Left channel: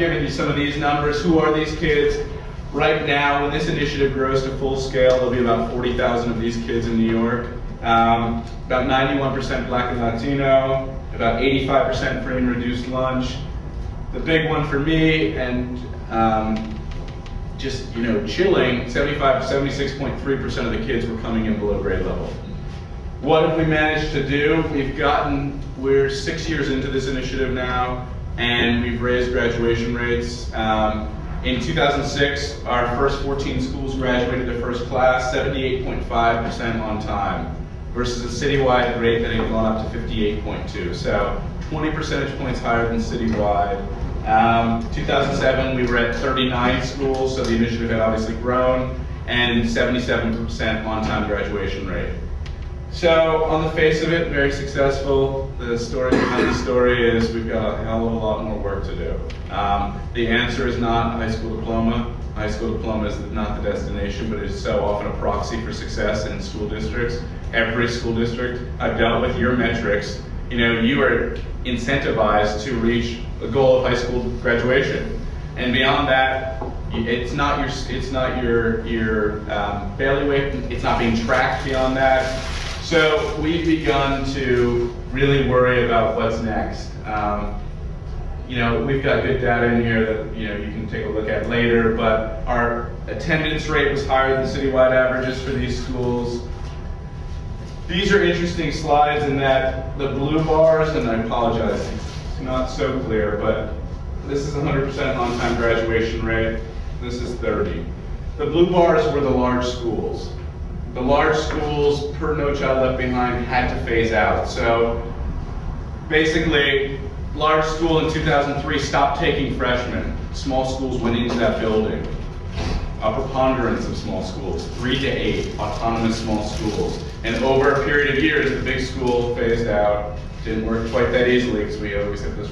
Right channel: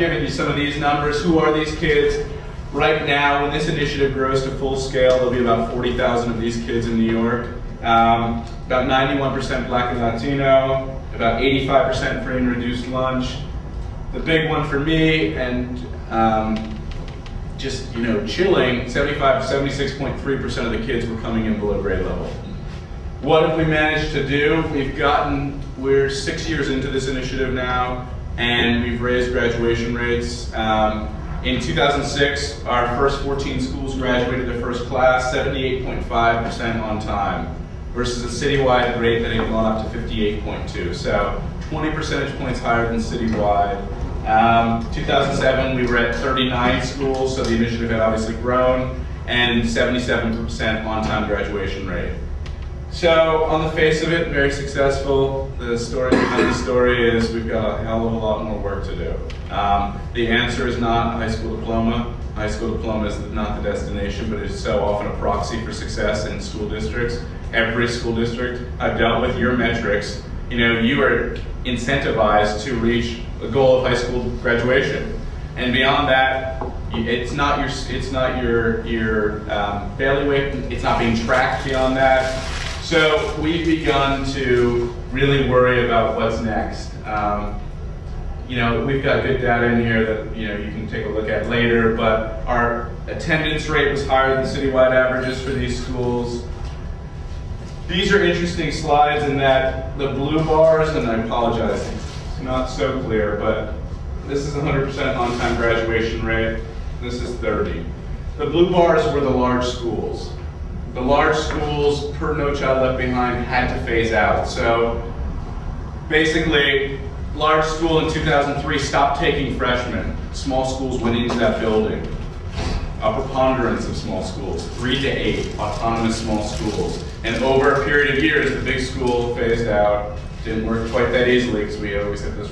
given you some of these numbers. Who are these kids? Right now, when this initiative grows to full scale, there'll be about 40,000 of these kids in New York. About 91% Black and Latino, about 85% free and reduced lunch. The big one for me, and just chilling, 76.3% of the kids were coming in below grade level. What have we managed to do? We're 6 years into this initiative now, and we've raised graduation rates. In 2006, our first 14 schools graduated their first class, 78.5% on time, versus a citywide rate that had gone up to 58.2. So 20 percentage points higher than citywide. 2007, we were at 39 schools, so the initiative had obviously grown, and 77% on-time graduation rate. So, on the face of it, very successful. The story behind the story is we've got a hell of a lot more work to do. The answer is not a high school diploma. A high school diploma is not the destination, but it is so often a proxy for success in school districts. Every school district, I've dealt with your metrics. You are incentivized to reach a goal of high school graduation, and beyond that, it's not your bailiwick. It's not being tracked beyond that. So we've begun to really worry about what's next. We've got good data in here that you can take a look at later, but our attendance rate was higher than citywide averages for these schools. These are interesting slides in that the blue bars, and I apologize, it's not so clear, but this is 100% on-time graduation rate. This is 30. The blue bars were the large schools. The large schools, per No Child Left Behind, had to phase out. So basically, large school in 2003 stopped taking freshmen. Small schools went into that building. A preponderance of small schools, 3 to 8 autonomous small schools. And over a period of years, the big school phased out. Didn't work quite that easily because we always have those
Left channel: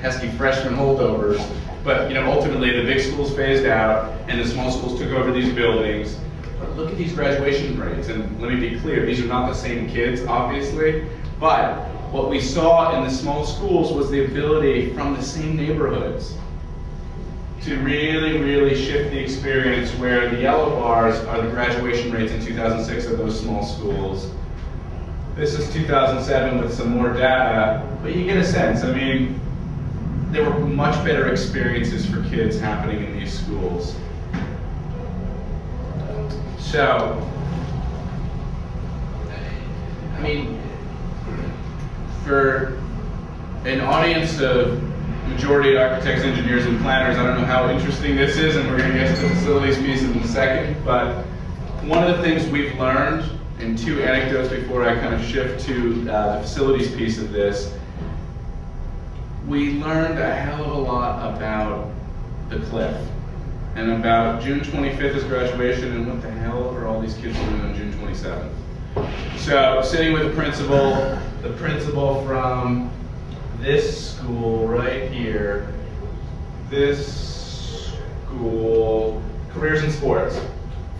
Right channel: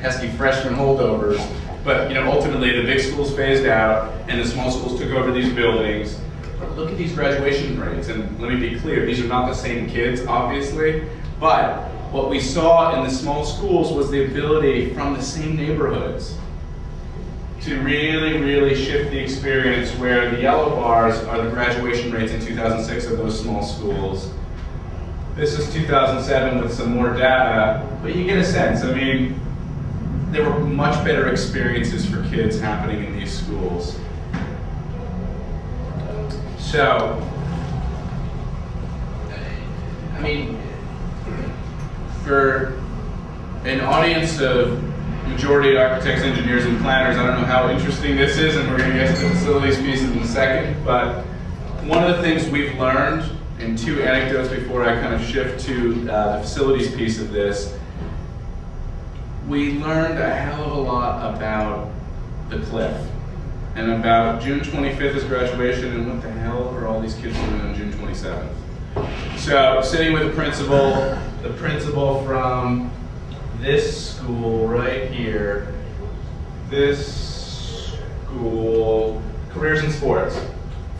pesky freshman holdovers. But ultimately, the big schools phased out, and the small schools took over these buildings. But look at these graduation rates, and let me be clear, these are not the same kids, obviously, but what we saw in the small schools was the ability from the same neighborhoods to really, really shift the experience, where the yellow bars are the graduation rates in 2006 of those small schools. This is 2007 with some more data, but you get a sense. There were much better experiences for kids happening in these schools. So, for an audience of majority architects, engineers, and planners, I don't know how interesting this is, and we're going to get to the facilities piece in a second, but one of the things we've learned, and 2 anecdotes before I kind of shift to the facilities piece of this, we learned a hell of a lot about the cliff, and about June 25th is graduation, and what the hell are all these kids doing on June 27th? So, sitting with the principal from this school right here, this school, careers in sports.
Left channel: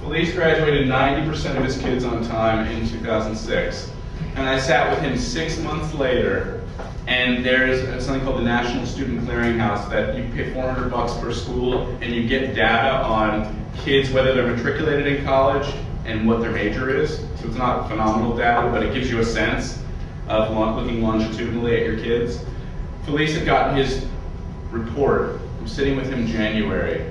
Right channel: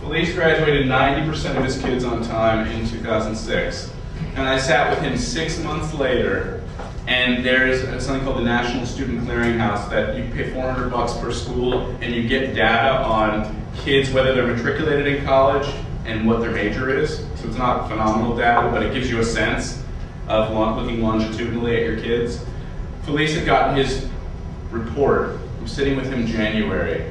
Felice graduated 90% of his kids on time in 2006. And I sat with him 6 months later, and there's something called the National Student Clearinghouse that you pay $400 per school, and you get data on kids, whether they're matriculated in college and what their major is. So it's not phenomenal data, but it gives you a sense of looking longitudinally at your kids. Felice had gotten his report. I'm sitting with him January.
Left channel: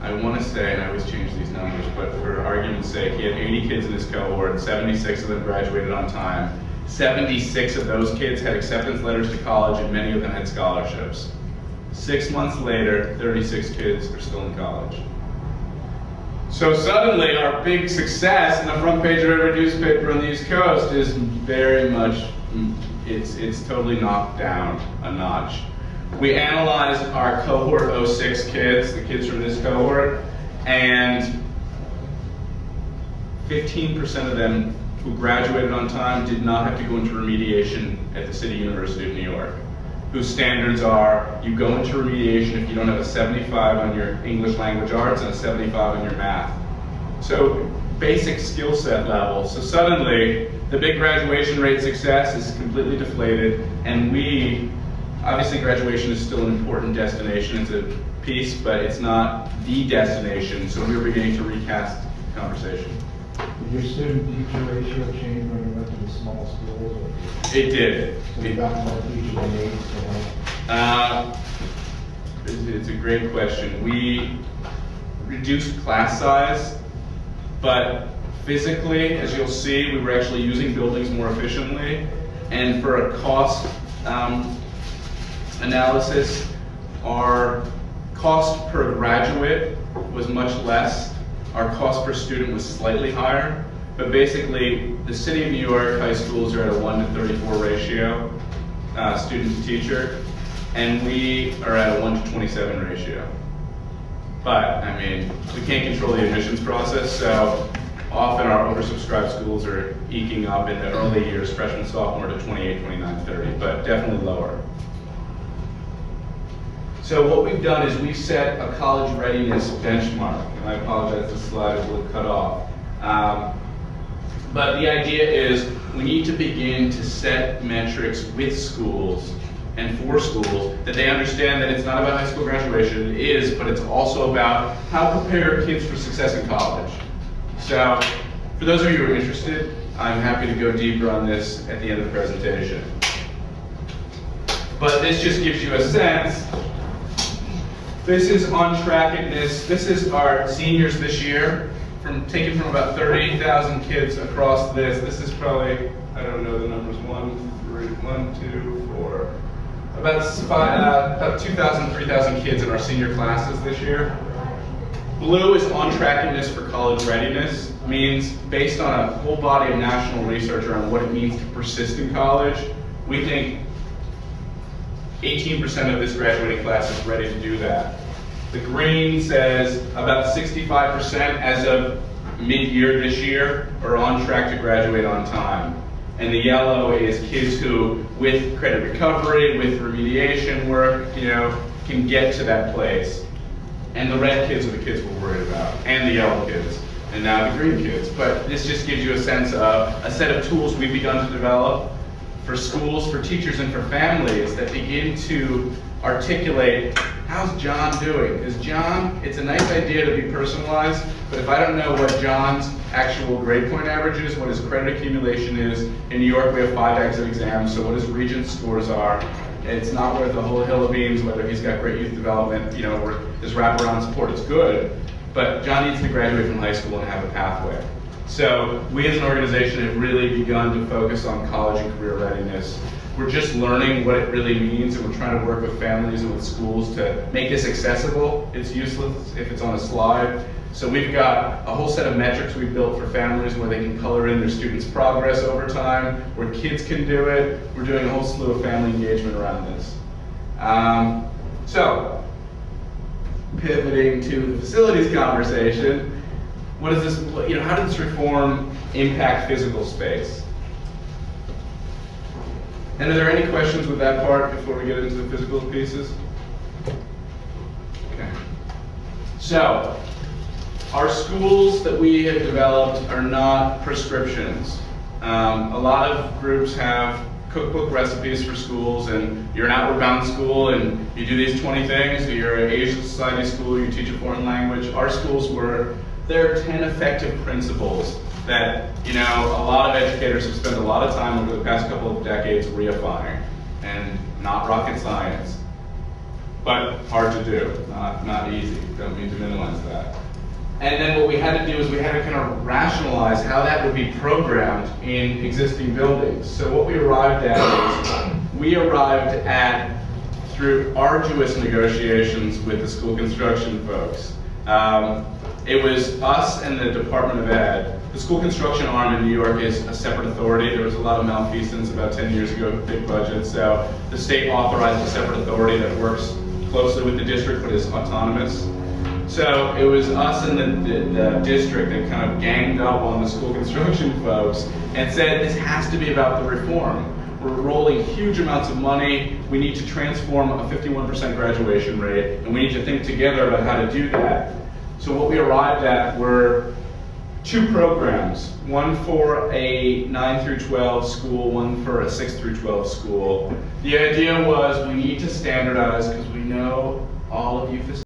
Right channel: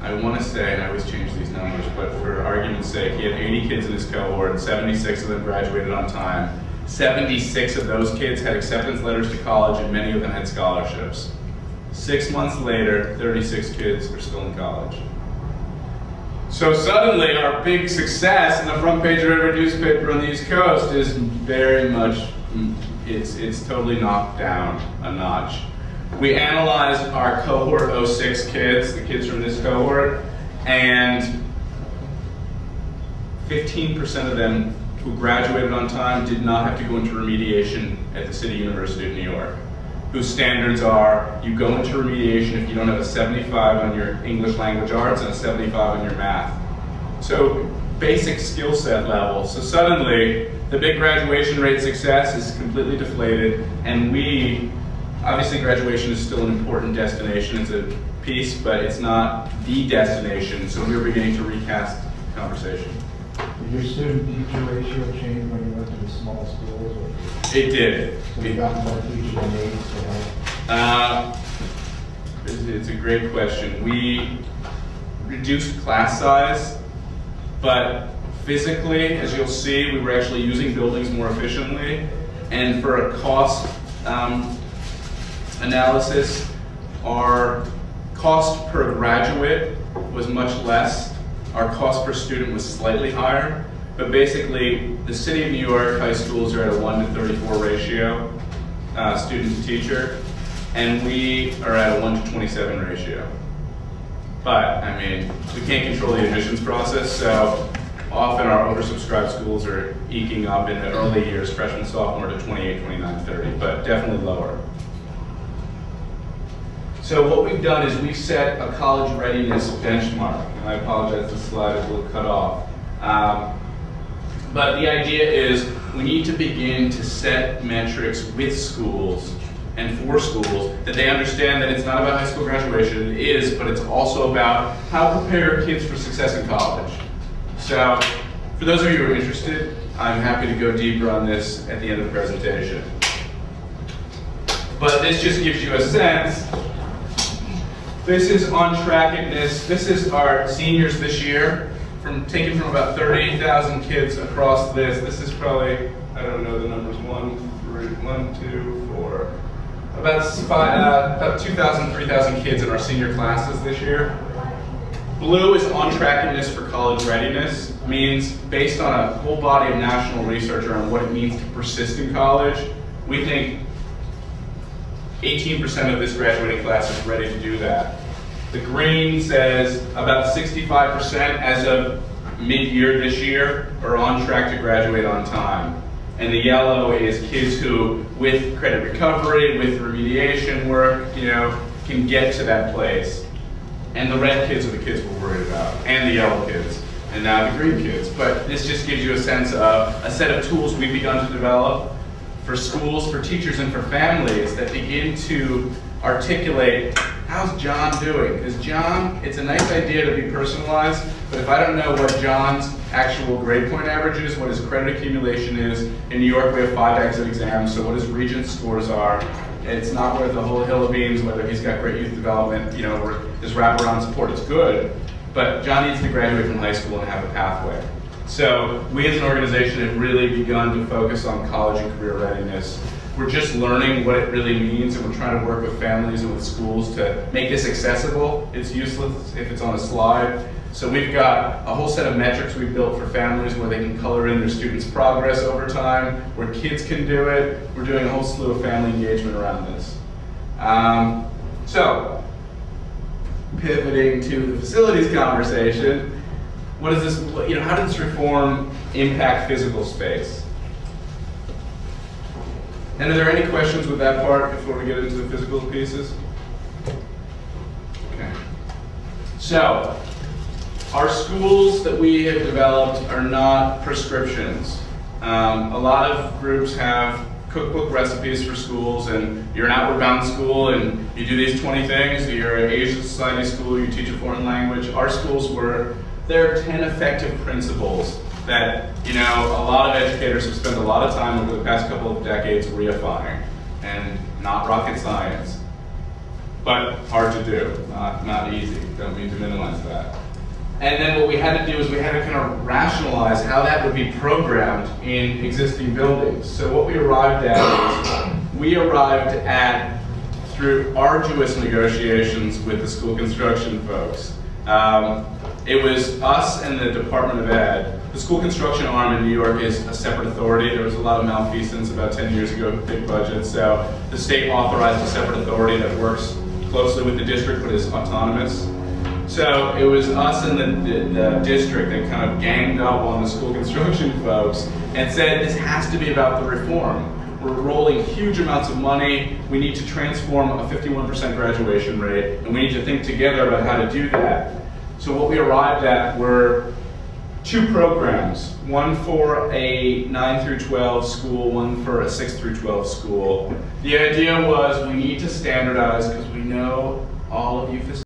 I want to say, and I always change these numbers, but for argument's sake, he had 80 kids in his cohort, 76 of them graduated on time. 76 of those kids had acceptance letters to college, and many of them had scholarships. 6 months later, 36 kids are still in college. So suddenly, our big success in the front page of every newspaper on the East Coast is very much, it's totally knocked down a notch. We analyzed our cohort 06 kids, the kids from this cohort, and 15% of them who graduated on time did not have to go into remediation at the City University of New York, whose standards are you go into remediation if you don't have a 75 on your English language arts and a 75 on your math. So basic skill set level. So suddenly the big graduation rate success is completely deflated, and we Obviously, graduation is still an important destination. It's a piece, but it's not the destination, so we're beginning to recast the conversation. Did your student-teacher ratio change when you went to the small schools? Or It did. so you got more teachers and aides to help? It's a great question. We reduced class size, but physically, as you'll see, we were actually using buildings more efficiently. And for a cost analysis, our cost per graduate was much less. Our cost per student was slightly higher. But basically, the City of New York high schools are at a 1:34 ratio, student to teacher, and we are at a 1:27 ratio. But, I mean, we can't control the admissions process, so often our oversubscribed schools are eking up in the early years, freshman, sophomore, to 28, 29, 30, but definitely lower. So what we've done is we've set a college readiness benchmark, and I apologize, the slide is a little cut off. But the idea is we need to begin to set metrics with schools and for schools that they understand that it's not about high school graduation, it is, but it's also about how to prepare kids for success in college. So, for those of you who are interested, I'm happy to go deeper on this at the end of the presentation. But this just gives you a sense. This is on trackness. This is our seniors this year, taken from about 30,000 kids across this. This is probably, I don't know the numbers, 1, 2, 4, about 2,000, 3,000 kids in our senior classes this year. Blue is on trackness for college readiness, means based on a whole body of national research around what it means to persist in college, we think 18% of this graduating class is ready to do that. The green says about 65% as of mid-year this year are on track to graduate on time. And the yellow is kids who, with credit recovery, with remediation work, can get to that place. And the red kids are the kids we're worried about, and the yellow kids, and now the green kids. But this just gives you a sense of a set of tools we've begun to develop for schools, for teachers, and for families that begin to articulate, how's John doing? Because John, it's a nice idea to be personalized, but if I don't know what John's actual grade point average is, what his credit accumulation is, in New York we have 5 exit exams, so what his Regents scores are, it's not worth a whole hill of beans whether he's got great youth development, or his wraparound support is good, but John needs to graduate from high school and have a pathway. So we as an organization have really begun to focus on college and career readiness. We're just learning what it really means, and we're trying to work with families and with schools to make this accessible. It's useless if it's on a slide. So we've got a whole set of metrics we've built for families where they can color in their students' progress over time, where kids can do it. We're doing a whole slew of family engagement around this. So, pivoting to the facilities conversation, what is this? How does this reform impact physical space? And are there any questions with that part before we get into the physical pieces? Okay. So, our schools that we have developed are not prescriptions. A lot of groups have cookbook recipes for schools, and you're an outward bound school and you do these 20 things, you're an Asian Society school, you teach a foreign language. Our schools there are 10 effective principles that, a lot of educators have spent a lot of time over the past couple of decades reifying, and not rocket science, but hard to do, not easy, don't mean to minimize that. And then what we had to do is we had to kind of rationalize how that would be programmed in existing buildings. So what we arrived at through arduous negotiations with the school construction folks. It was us and the Department of Ed. The school construction arm in New York is a separate authority. There was a lot of malfeasance about 10 years ago, big budget, so the state authorized a separate authority that works closely with the district but is autonomous. So it was us and the district that kind of ganged up on the school construction folks and said, this has to be about the reform. We're rolling huge amounts of money. We need to transform a 51% graduation rate, and we need to think together about how to do that. So what we arrived at were 2 programs, one for a 9 through 12 school, one for a 6 through 12 school. The idea was we need to standardize because we know all of you